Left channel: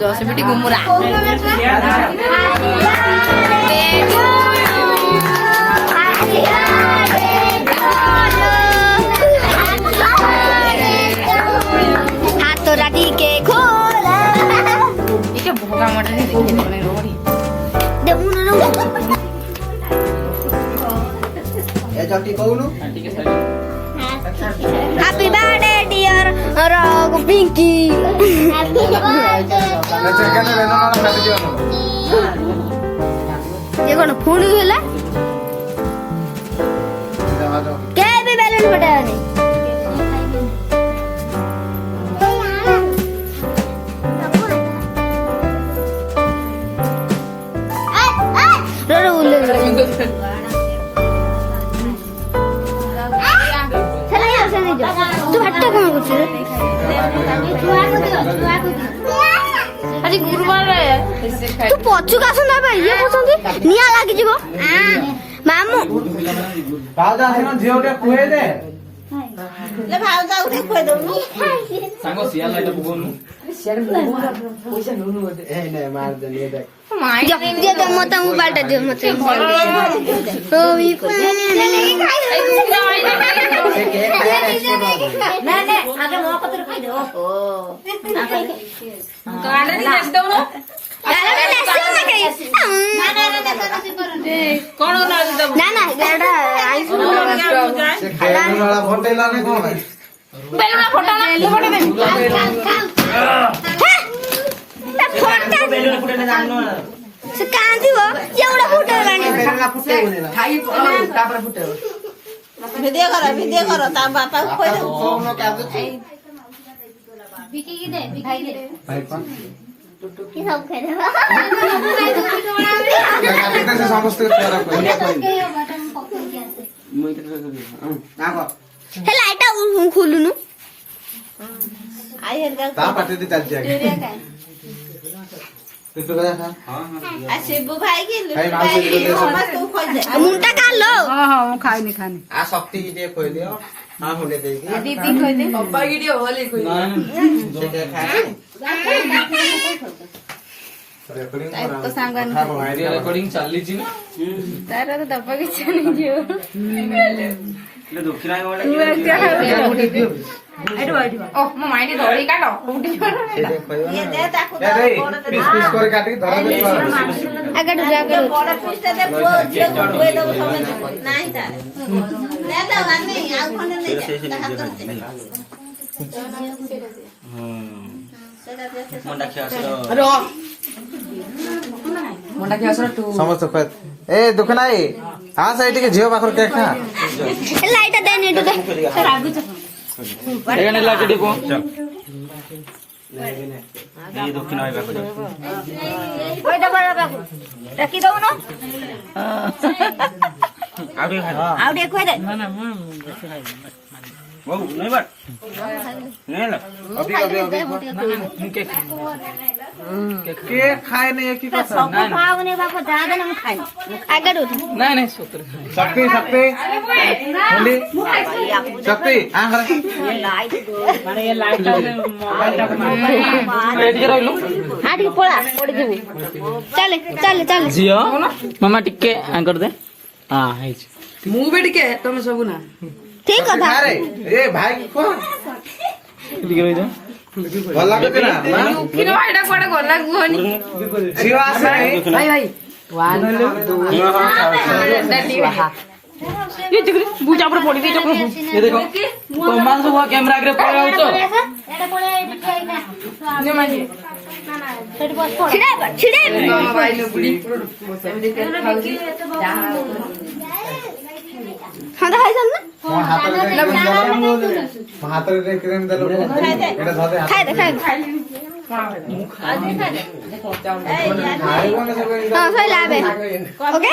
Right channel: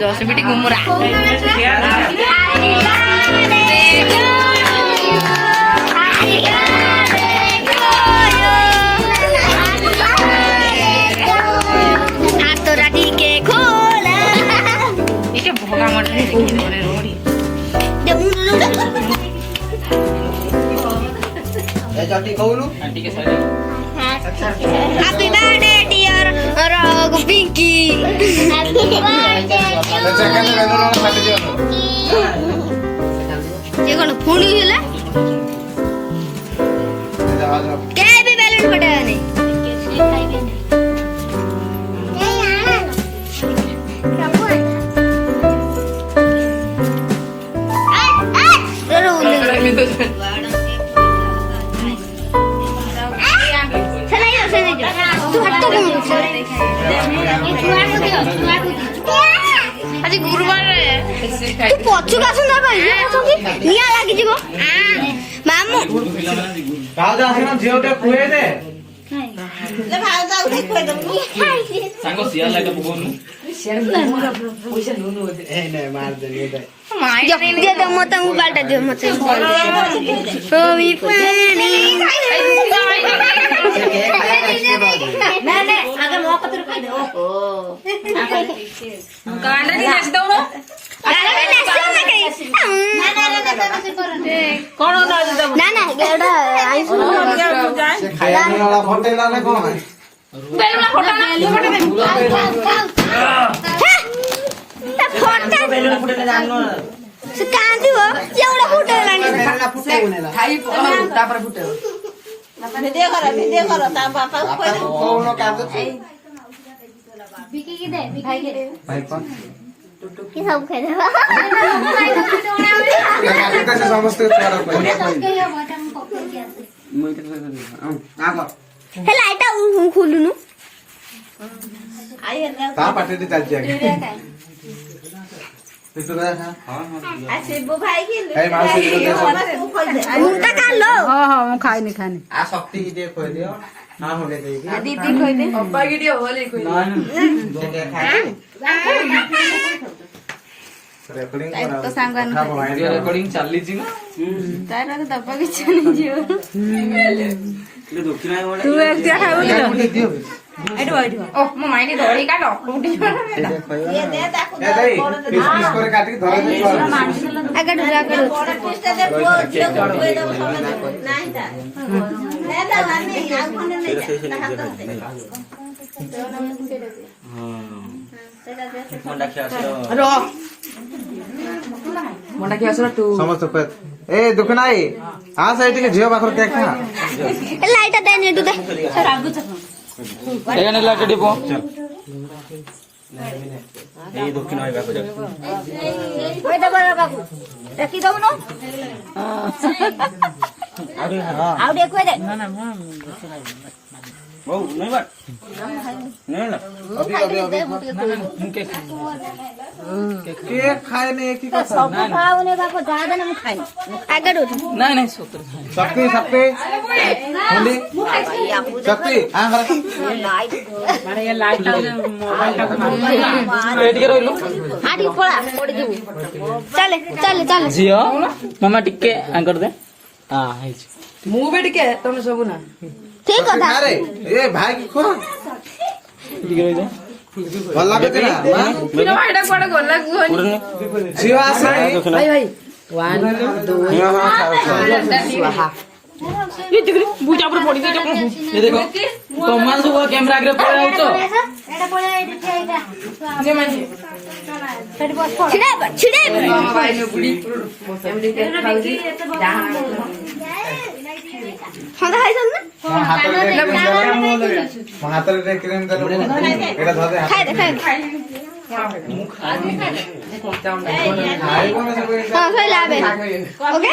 जोश बेटी घुमरा हाथ तो राठी के खोला ये भोगा मटर रोड़ी हैप्पी बर्थडे डियर रॉग पिंकी ये कौन फूल है के भी बैलून फटाया नहीं अरे गुरुवार तू पछु का सुंदर भाई ये पछुकी निया लागी जीवो मामू भावजा आसना झियोटे खुए दे ले भावजा उठे खुए दउनी सांगो सियाल लागे बुगोनु सियाल पैसा नुनु ए नहीं मार दे ले दे दे दे मत मोबाइल टा दे मत ओ मी पानी ना ना आगे मो पत्र खाई दे ओ गाना नाच दो गाना नाच दो ना कहीं कौन नाच दो ना ना एडा आई सुन वाला फोटो ना कौन बेला फोटो ना फोटो बेला फोटो ना जानो से कांदी हो एवढा फोटो लाणी खाई तापर फोटो वीडियो करो ता बापा को कौन काम दे विकी की दे भाई के भाई कौन की सब खेले कैसे समस्त करा बटन पकड़ के मुई तो आगो हे लाइट खोलुनु आय ता पाटे दी चल जाए तो हां हां आ शिबू भाई की भाई माउसी को दे मुंटा खा लो हां हां खाई नहीं खाने आ शक्ति की दे खोई दियो ना होले दे दीदी खोई दे अब्बा की दियो होले खोई ना दे खाए रेकॉर्डिंग करा तो सांगन रेकॉर्डिंग चालली छी तारा तो दब्बा की चली जियो ले दुखी नाही मोडा तू एक दिया दियो एडो ओ मो माइनी धोरी काटो उठी ये दे ताको ए दे पीस पीस कर काटी धरा दे आगडू पीस दे जे कोई दे नाही ता ले दा माने आ कोने नहीं हां मोंडा खियासरो रो मोंडा खियासरो तू समझ पे ए दुख नाही आ साइड के झियो पाखर केक खा लाइट दे नेटू दे रागु एगने लाइट डिपो ए दुख नाही बाको जा ओय दबर बाबू रखी दऊ न आउडे कोइ दे ना ना वो नहीं बात नहीं ना अभी मुके के खाए नहीं एक ही का सब खाओने बाप ज्यादा नहीं खाए आगे उठ नहीं नहीं शक्ति शक्ति होली शक्ति हां कर माने ये लाइट मोबाइल टा रेडी कर लो आठी पळा पड़ी जीव चले चले चले जियो मामा टिके आंकर दे हां है मु भी टिके तुम सब ना ठीक है अरे ए भाई को टिके हो जा भला के ना किनो एडा कोडा गोला गुहनी शिवास भाई भाई 1 2 स्वाहा ये देख बुजा पर पड़ी गई ये देखो कमान सब कैमरा आगे पड़े हो तो एडा पड़े दिखाइना जे माने सेट बस पड़ छिड़े मोबाइल में बुड़ी फैमिली के खाउजी हां हाय सब ना हाथ रे क्रीम दलो एटा धरे खाइ दे खाइ हां सही लाबे ओके